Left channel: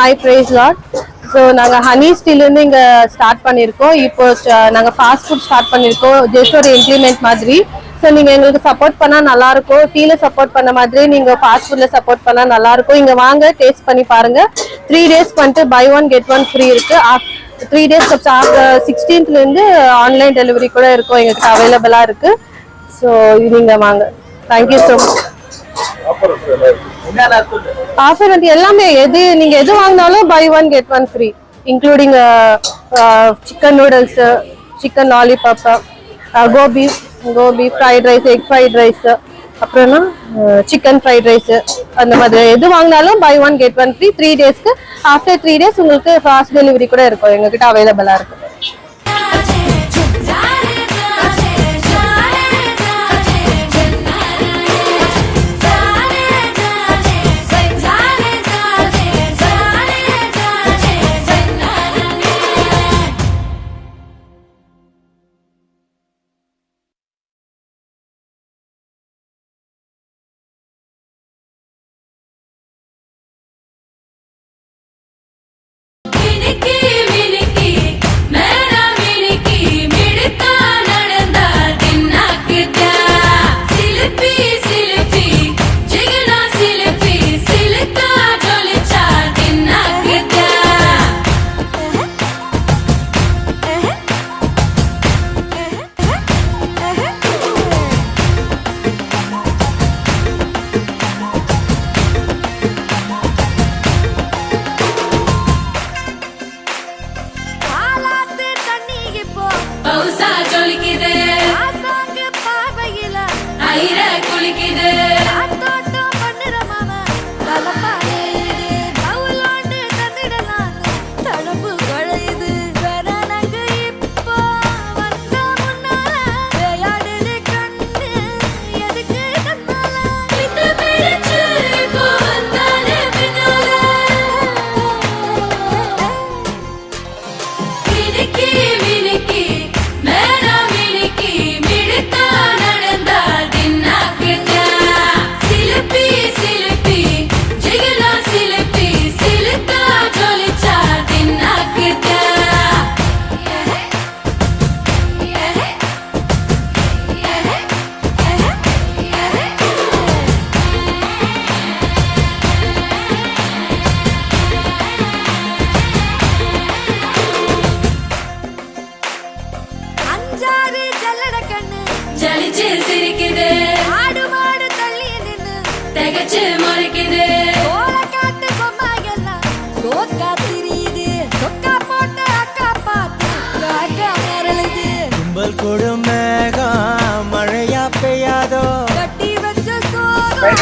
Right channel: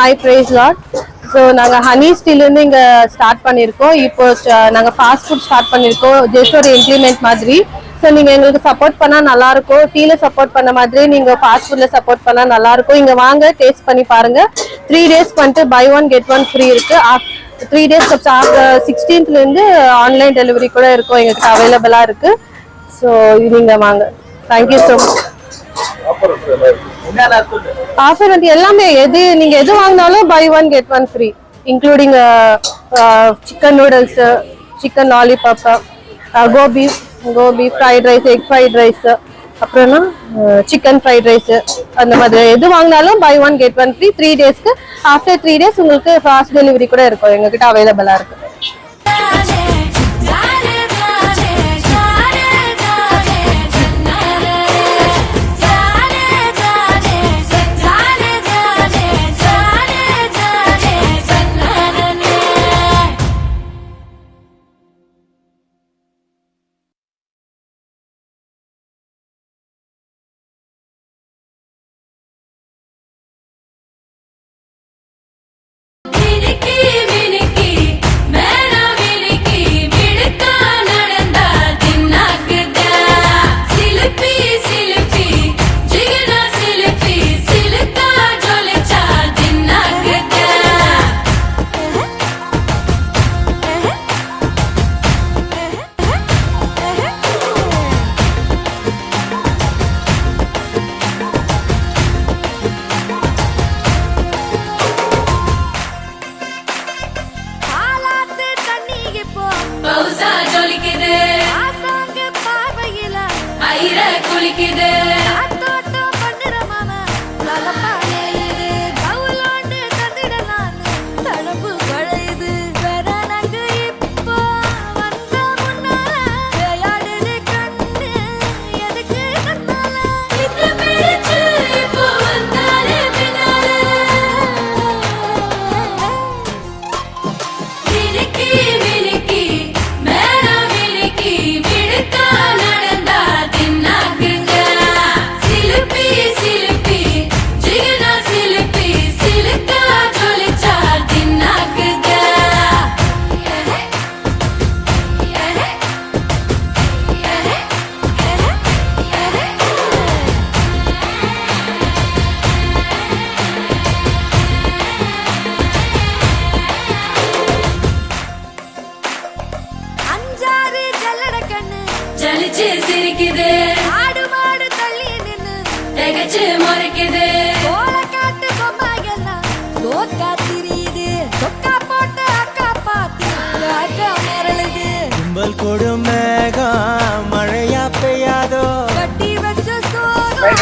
Hi, praise Lord. So நாங்க honey steel இருந்து இங்க ஸ்டார்ட் பண்ணிருக்கோம். இப்போ நாங்க ஃபாஸ்ட் ஃபுட் ஸ்டார்ட் பண்ணிருக்கோம். ஜஸ்ட் ஒரு இம்ப்ளிமெண்ட் மாதிரி. ஸோ நீங்க எங்களுக்கு சப்போர்ட் பண்ணா நல்லா இருக்கும். டீல சப்போர்ட் பண்ண மாதிரி நீங்க ஃபாஸ்ட் ஃபுட்ல சப்போர்ட் பண்ணா நல்லா இருக்கும். இங்க வாங்க டேஸ்ட் பண்ணி பாருங்க. 3 days வந்துட்டு buy one get one free இருக்கு. 3 days 16th இருந்து ஆன்லைன் டெலிவரி கூட இருக்கும், எங்களுக்கு அவைலபிளா இருக்கு. ஸோ நீங்க வாங்க. Thank you so much. ஆஃபர் வந்து எல்லாமே நீங்க எது வாங்கினாலும் buy one get one free, including chicken noodles, chicken lollipop, gobi fried rice, egg fried rice, அப்புறம் சிக்கன் ஃப்ரைட் ரைஸ், அந்த மாதிரி எது வாங்கினாலும் buy one get one free 3 daysக்கு. ஆஃப்டர் 3 days உங்களுக்கு ஃபாஸ்ட் டெலிவரி கூட இருக்கும், எங்ககிட்ட அவைலபிளா இருக்கு. கும்பல் கொடும் மேகம் மழையா பெய்யாதோ, கட்டி வச்ச சோகம்